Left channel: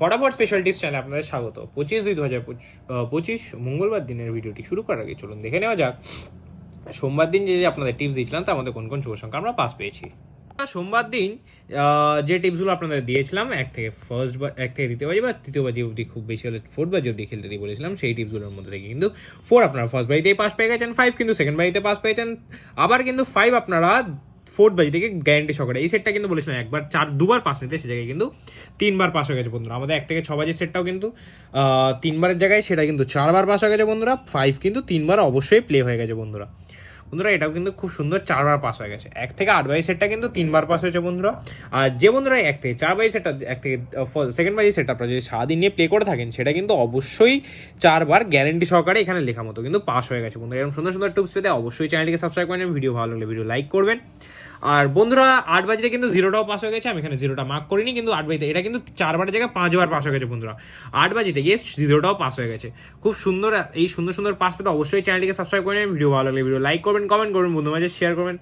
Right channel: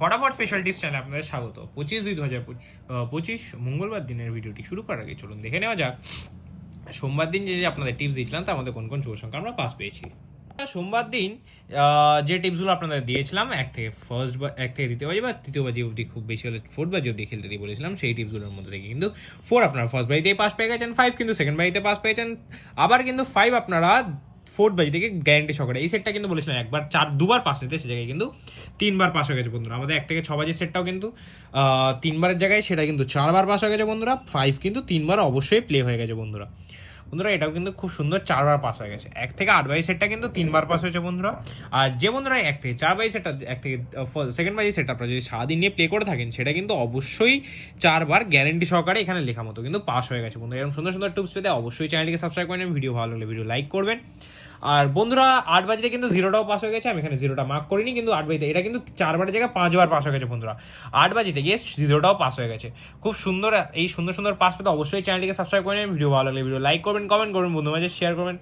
ফটাফট special tips চ্যানেলে আপনাদের স্বাগত। 25/2/2025 মঙ্গলবার দিনের ভিডিওটি শুরু করার আগে চলুন দেখে নেওয়া যাক সোমবার দিন যে আপনাদের টিপস দিয়েছিলাম তার মধ্যে কোন কোন শুভ সংখ্যা আমরা পাস পেয়েছি। সোমবার দিন যে টিপসগুলো আপনাদের দিয়েছিলাম এক থেকে দ্বিতীয় বাজি বা তৃতীয় বাজি অবধি, খুব বেশি হলে ফোর্থ বাজি অবধি খেলতে দিয়ে বলেছিলাম, সেই টিপসগুলোর মধ্যে থেকে কিন্তু 4 আপনারা ফার্স্ট বাজিতেই পাস পেয়ে গেছেন, 5 কিন্তু সেকেন্ড বাজিতে পাস পেয়েছেন, আবার কিন্তু 5 আপনারা ফোর্থ বাজি থেকে গ্যারান্টি সহকারে। এই সেটটা কিন্তু বলেছিলাম দুবার পাস নিতে, সে জায়গায় কিন্তু 3বার পাস হয়ে গেছে বন্ধুরা। আমাদের 1 থেকে 6 বাজির সেটটাও কিন্তু 3বারের জায়গায় সেটা কিন্তু 4বার পাস হয়ে গেছে বন্ধুরা। 5 কিন্তু 3বার অবশ্যই প্লে হয়ে গেছে বন্ধুরা। এটাও কিন্তু খুব সুন্দর 4বার পাস হয়ে গেছে। 1 থেকে 8 বাজি সেটটা কিন্তু 3বার পাস হয়েছে বন্ধুরা। আর যে বন্ধুরা 1 থেকে 4 বাজি সেটটা, 1 থেকে সেকেন্ড বাজি সেটটা আপনারা যদি সারাদিন নিয়ে প্লে করে থাকেন, সেটা কিন্তু অবশ্যই 4বার গ্যারেন্টি সহকারে এখানে লেখা মতো কিন্তু পাস হয়ে গেছে বন্ধুরা। এরকম সুন্দর সুন্দর টিপস পেতে অবশ্যই চ্যানেলটিকে সাবস্ক্রাইব করে নেবেন, ভিডিও ভালো লাগলে ভিডিও লাইক করবেন। আর বন্ধুরা 8 বাজিতে কিন্তু 0টাও পাস হয়ে গেছে, আমি এখানে 0টা মার্ক করিনি, কিন্তু 8 বাজিতে এটা কিন্তু 4বারের জায়গায় 5বার পাস হয়ে গেছে বন্ধুরা। 8 বাজিতে গিয়ে 0টাও পাস হয়ে গেছে। খুব সুন্দর, এই সুন্দর সুন্দর পাস পেতে অবশ্যই চ্যানেলটিকে সাবস্ক্রাইব করে নেবেন, ভিডিও ভালো লাগলে ভিডিও লাইক করবেন, কমেন্ট করবেন, বন্ধু মাঝে শেয়ার করবেন।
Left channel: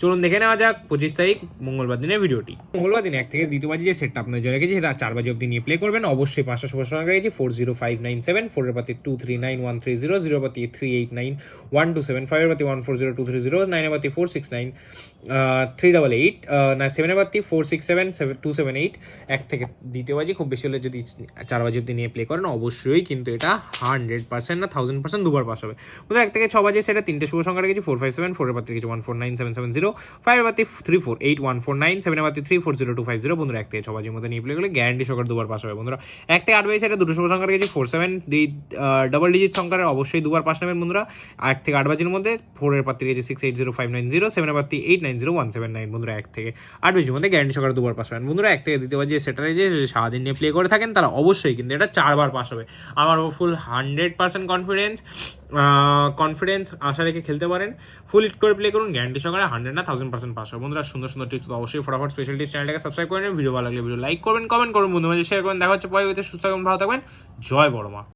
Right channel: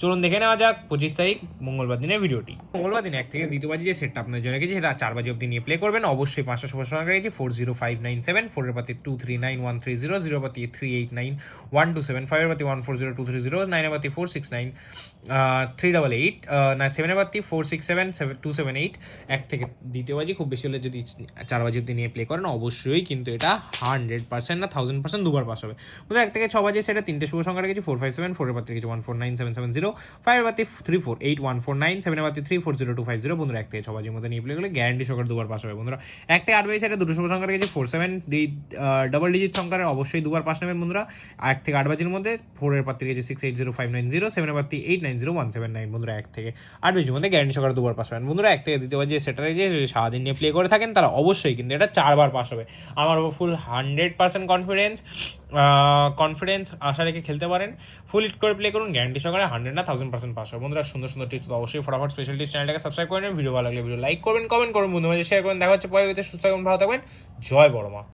চলুন দেখে নেওয়া যাক 25 তারিখ মঙ্গলবার দিনের ভিডিওটি। মঙ্গলবার দিন 1 থেকে দ্বিতীয় বাজি যে সেটটা আপনার জন্য রেখেছি সেটা 4 বাজি অবধি নিয়ে প্লে করবেন। অবশ্যই 5টা শুভ সংখ্যা রেখেছি 40597, 4 এর পাতি 239130, 0 এর পাতি 389127, 5 এর পাতি 140230, 9 এর পাতি 469 388, 7 এর পাতি 467278। 1 থেকে দ্বিতীয় বাজি খুব বেশি হলে যদি 4 বাজি অবধি নিয়ে প্লে করেন, অবশ্যই কিন্তু এটা 100% না 1000% দুবার পাস হবে। 1 থেকে 6 বাজি সেটা 3টে শুভ সংখ্যা রেখেছি 457, 4 এর পাতি রেখেছি 149770, 5 এর পাতি 348149, 7 এর পাতি 340250। বন্ধুরা 1 থেকে 6 বাজির মধ্যে নিয়ে প্লে করলে গ্যারান্টি সহকারে দুবার পাস হবে বন্ধুরা। 1 থেকে 8 বাজি সেটা দুটো শুভ সংখ্যা রেখেছি 47, ডাবল ডিজিট সংখ্যার অবশ্যই দুবার পাস নেবেন বন্ধুরা। 1 থেকে 8 বাজির মধ্যে 4 এর পাতি রেখেছি 680590, 7 এর পাতি 890179। বন্ধুরা 1 থেকে 8 বাজির মধ্যে গ্যারান্টি সহকারে দুবার পাস হবেন বন্ধুরা। 1 থেকে দ্বিতীয় বাজি সেটা যে সারাদিন নিয়ে প্লে করে থাকেন, তারা অবশ্যই কিন্তু এটা 4বার পাস হবে। আমার ফুল 100% কনফিডেন্স আশা রেখে খেলতে পারেন। ফুল হিট করে প্লে করুন, গ্যারান্টি সহকারে 100 না 1000% পাস হবে বন্ধুরা। সুন্দর সুন্দর টিপস অবশ্যই ফটাফট স্পেশাল টিপস চ্যানেলটাকে সাবস্ক্রাইব করে নেবেন, ভিডিও ভালো লাগলে ভিডিও লাইক করবেন, কমেন্ট করুন, বন্ধু মাঝে শেয়ার করবেন। দেখা হচ্ছে পরে, সুস্থ থাকবেন, ভালো থাকবেন। জয় বড়মা।